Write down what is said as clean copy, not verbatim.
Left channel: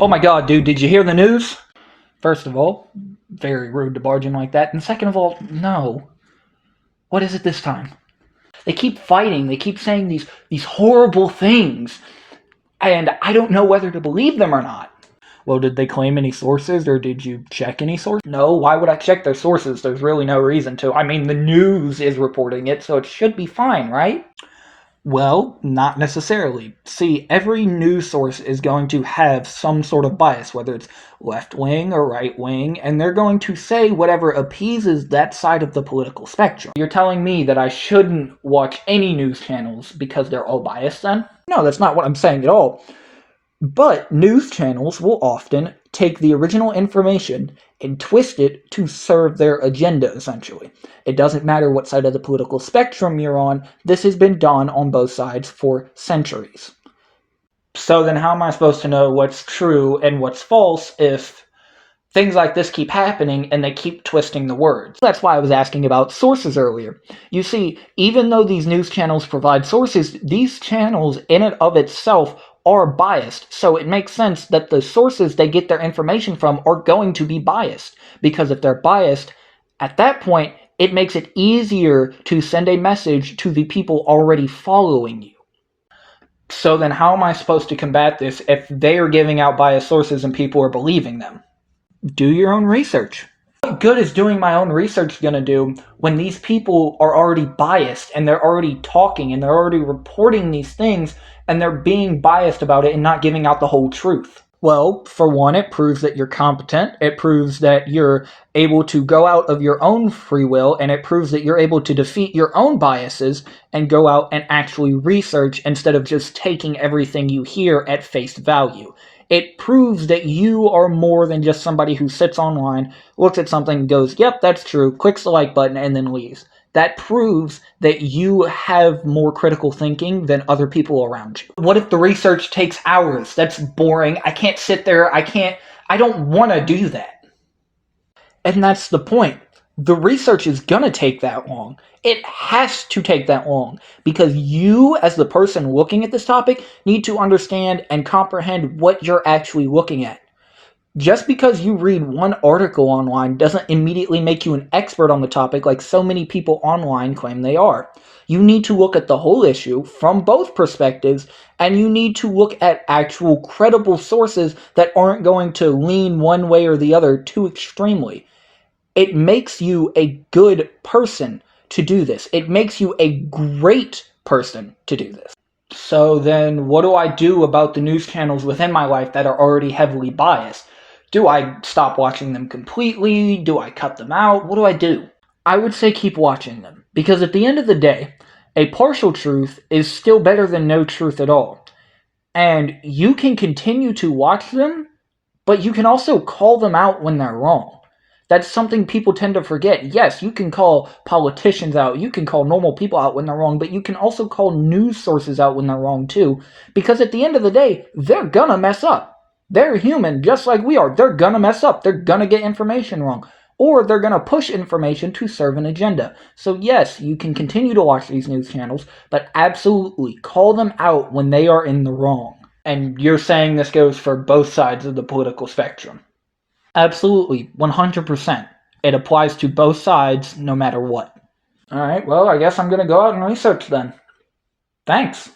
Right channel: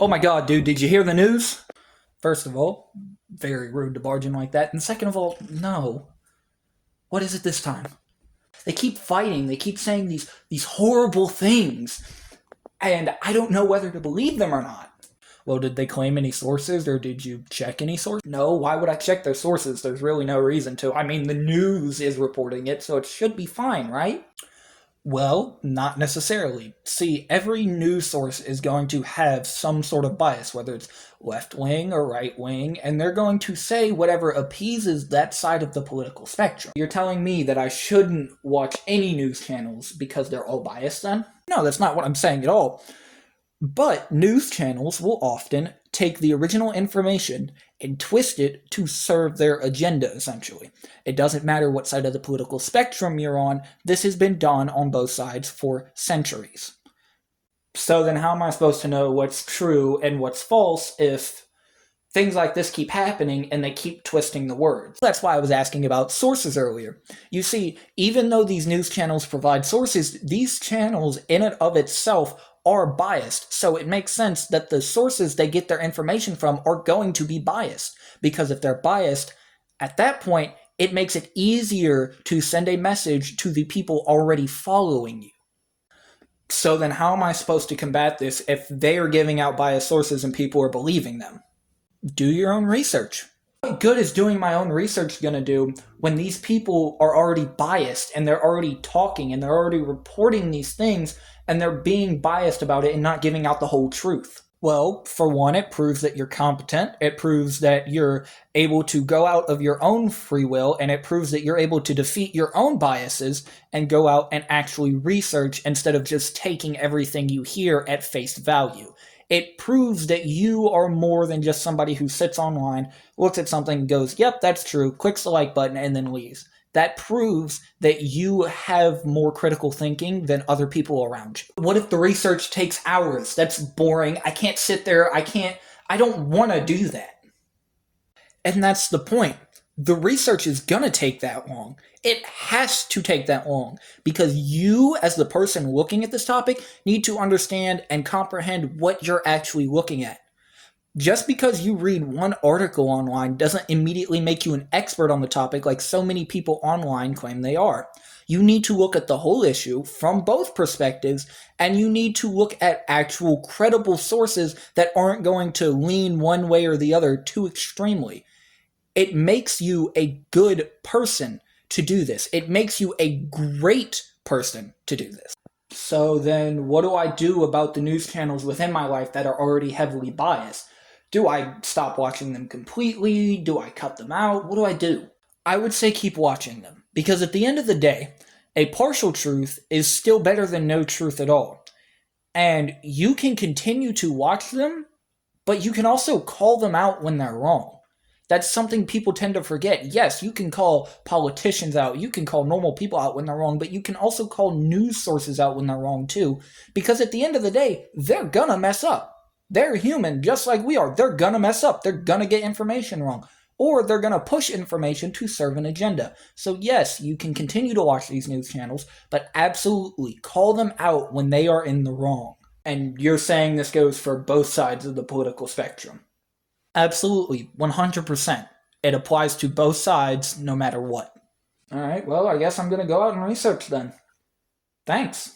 Oh my god, dude, did you hear the news? First of all, very rude to barge in like that. And second of all, no. What is it this time? They keep fighting, they keep saying these horrible things, and I don't know whether to believe them or not. Well, did they claim any sources, or did you check any sources? No, why would I check their sources? There's really no reason to. I mean, the news is reporting it, so it should be fine, right? Well, not necessarily. See, every news source is going to have some sort of bias, whether it's left wing or right wing, and they're going to say whatever appeases that side of the political spectrum. You're telling me that I shouldn't watch any news channels because they're all biased then? No, that's not what I'm saying at all. But news channels will often take the original information and twist it to serve their agenda, essentially. It doesn't matter what side of the political spectrum you're on, this has been done on both sides for centuries. So then how am I supposed to know what's true and what's false if things like this keep happening and they keep twisting the words? That's why I was asking about sources earlier. You see, even though these news channels provide sources, these channels in and of itself are biased, so it makes sense that the sources they get their information from are going to be biased, because if they're biased, at that point, it makes it easier to send a message to the people already following you. So then how am I supposed to combat this if they are giving out biased sources and people are believing them? Do your own research. What good is doing my own research gonna do when these people are already biased and they're already talking and they're already reporting these things and they're being biased about it and not giving out the whole truth? Well, for one, it proves that you're competent, it proves that you're able to go out of your own free will, and it proves that you're able to defeat your own biases and go out and actually research instead of just taking everything you hear at face value. It proves that you are more than just somebody who sits online, looks at something, goes, yep, that's true, clicks the like button, and then leaves. That proves that you have more critical thinking than other people around you. What if the research takes hours? That's boring. I can't sit there. I don't want to do that. And that's the point. The research is gonna take that long. It has to take that long because you, as the person looking at this topic, need to understand and comprehend what you're actually looking at. Just because you read one article online doesn't immediately make you an expert on the topic like so many people online claim they are. You need to look at the whole issue from both perspectives, and you need to look at actual credible sources that aren't going to lean one way or the other too extremely. It makes you a good person to do this. It makes you a great person to do this. So then what do I do about the news channels within my life that are already heavily biased? Do I stop watching them completely? Do I cut them out? What do I do? I would say keep watching them, because at the end of the day, a partial truth is still better than no truth at all. And you can continue to watch them, but you can also call them out when they're wrong. That's something people tend to forget. Yes, you can call politicians out, you can call normal people out when they're wrong, but you can also call news sources out when they're wrong too, because at the end of the day, they're gonna mess up. They're human, just like we are. They're gonna mess up. They're gonna get information wrong. Or they're gonna push information to serve an agenda. So yes, you can continue to watch these news channels, but absolutely call them out when they are in the wrong. And you're saying this goes for both sides of the political spectrum? Absolutely, 100%. It applies to both sides, no matter what. Alright, well, I guess I'm gonna go out and research then. Thanks.